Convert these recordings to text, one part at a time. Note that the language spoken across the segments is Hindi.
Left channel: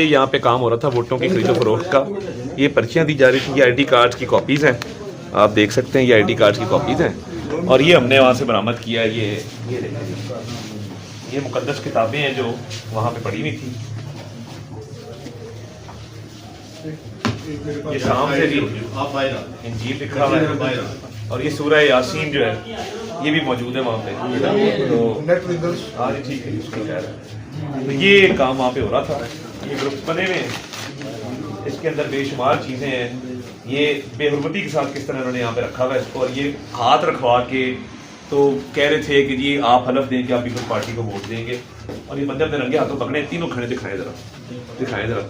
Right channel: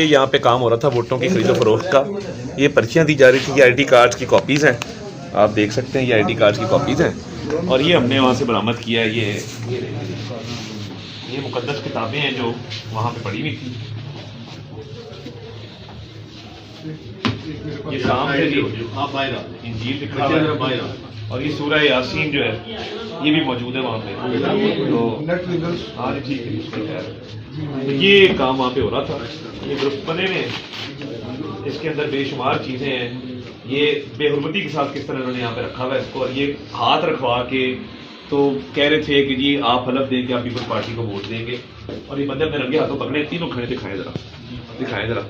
ये यहाँ पे काम हो रहा था वोटों की खरीदो फरोख्त का। ये पर्चियाँ दी जा रही थी, ये आईडी कार्ड्स की कॉपीज़ हैं, आप देख सकते हैं ये आईडी कार्ड्स की कॉपीज़ हैं। और ये हमने वहाँ से बरामद किया है। ये मुकद्दस किताबें हैं जो वहाँ पे पड़ी हुई थी। ये शाम से इंजील लिखा है और ये सूरह यासीन जो है ये भी मौजूद है वहाँ पे। तो ये काम वहाँ पे हो रहा था, ये ग्रुप बने हुए हैं, इसके अंदर बेशुमार चीज़ें हैं। ये बेहुरमती के साथ किस तरह इन्होंने यहाँ पे रखा हुआ है इसको, और ये हाथ रखवा के तो कह रहे थे कि जी आप हलफ देंगे आप पीपल्स पार्टी को वोट देंगे, और ये बंदे अपने रंगे हाथों पकड़े, तीनों खड़े दिखाएं जरा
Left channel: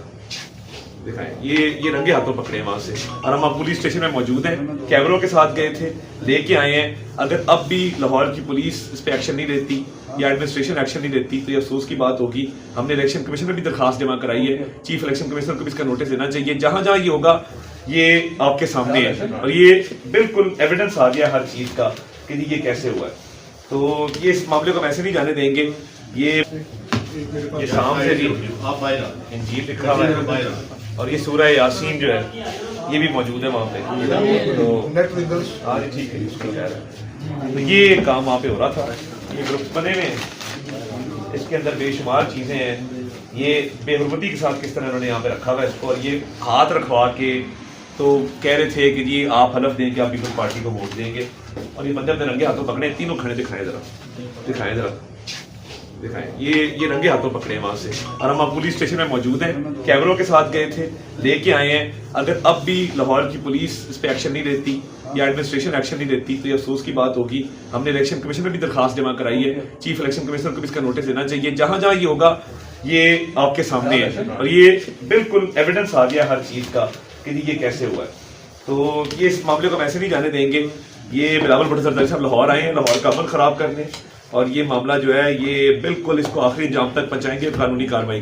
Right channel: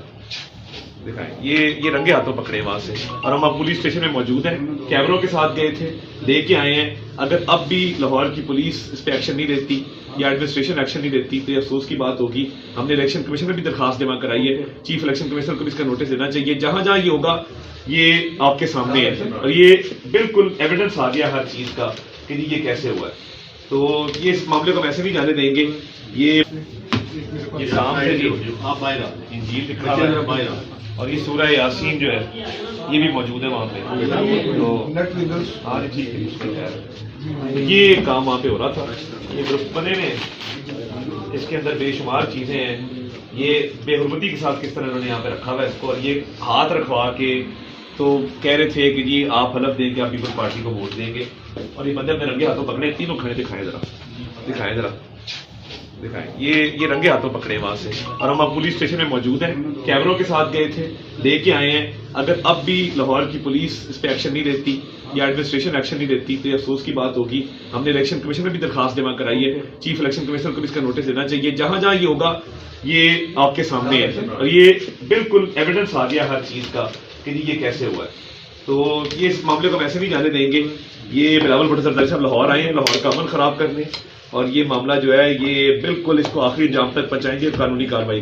दिखाएं, ये रंगे हाथों पकड़े वहां से। और हम अब पुलिस स्टेशन में मौजूद हैं, कैमरों के साथ गए थे, लेके आए हैं। अगर अब भी लाहौर की पुलिस इस पर एक्शन नहीं लेती या एडमिनिस्ट्रेशन एक्शन नहीं लेती तो ये अफसोस की बात होगी। हमने इलेक्शन कमीशन में भी दरखास्त जमा कराई है, चीफ इलेक्शन कमिश्नर को भी इसका नोटिस देना चाहिए। जहां जहां ये होगा ये आपके सामने है, और ये बिल्कुल एविडेंस आ गया हर चीज का कि ये कैसे हुआ है। तो ये इस मामले को हम ऐसे नहीं जाने देंगे। ये शाम से इंजील लिखा है और ये सूरह यासीन जो है ये भी मौजूद है वहाँ पे। तो ये काम वहाँ पे हो रहा था, ये ग्रुप बने हुए हैं, इसके अंदर बेशुमार चीज़ें हैं। ये बेहुरमती के साथ किस तरह इन्होंने यहाँ पे रखा हुआ है इसको, और ये हाथ रखवा के तो कह रहे थे कि जी आप हलफ देंगे आप पीपल्स पार्टी को वोट देंगे, और ये बंदे अपने रंगे हाथों पकड़े, तीनों खड़े दिखाएं जरा दिखाएं, ये रंगे हाथों पकड़े वहां से। और हम अब पुलिस स्टेशन में मौजूद हैं, कैमरों के साथ गए थे, लेके आए हैं। अगर अब भी लाहौर की पुलिस इस पर एक्शन नहीं लेती या एडमिनिस्ट्रेशन एक्शन नहीं लेती तो ये अफसोस की बात होगी। हमने इलेक्शन कमीशन में भी दरखास्त जमा कराई है, चीफ इलेक्शन कमिश्नर को भी इसका नोटिस देना चाहिए। जहां जहां ये होगा ये आपके सामने है, और ये बिल्कुल एविडेंस आ गया हर चीज का कि ये कैसे हुआ है। तो ये इस मामले को हम ऐसे नहीं जाने देंगे। ये बिलावल भुट्टो जरदारी साहब लाहौर आए हैं लाहौर का अमन खराब करने, और ये मामला जो है ये बिल्कुल इसको आखिरी जाम तक पहुंचाएंगे, कानूनी कार्रवाई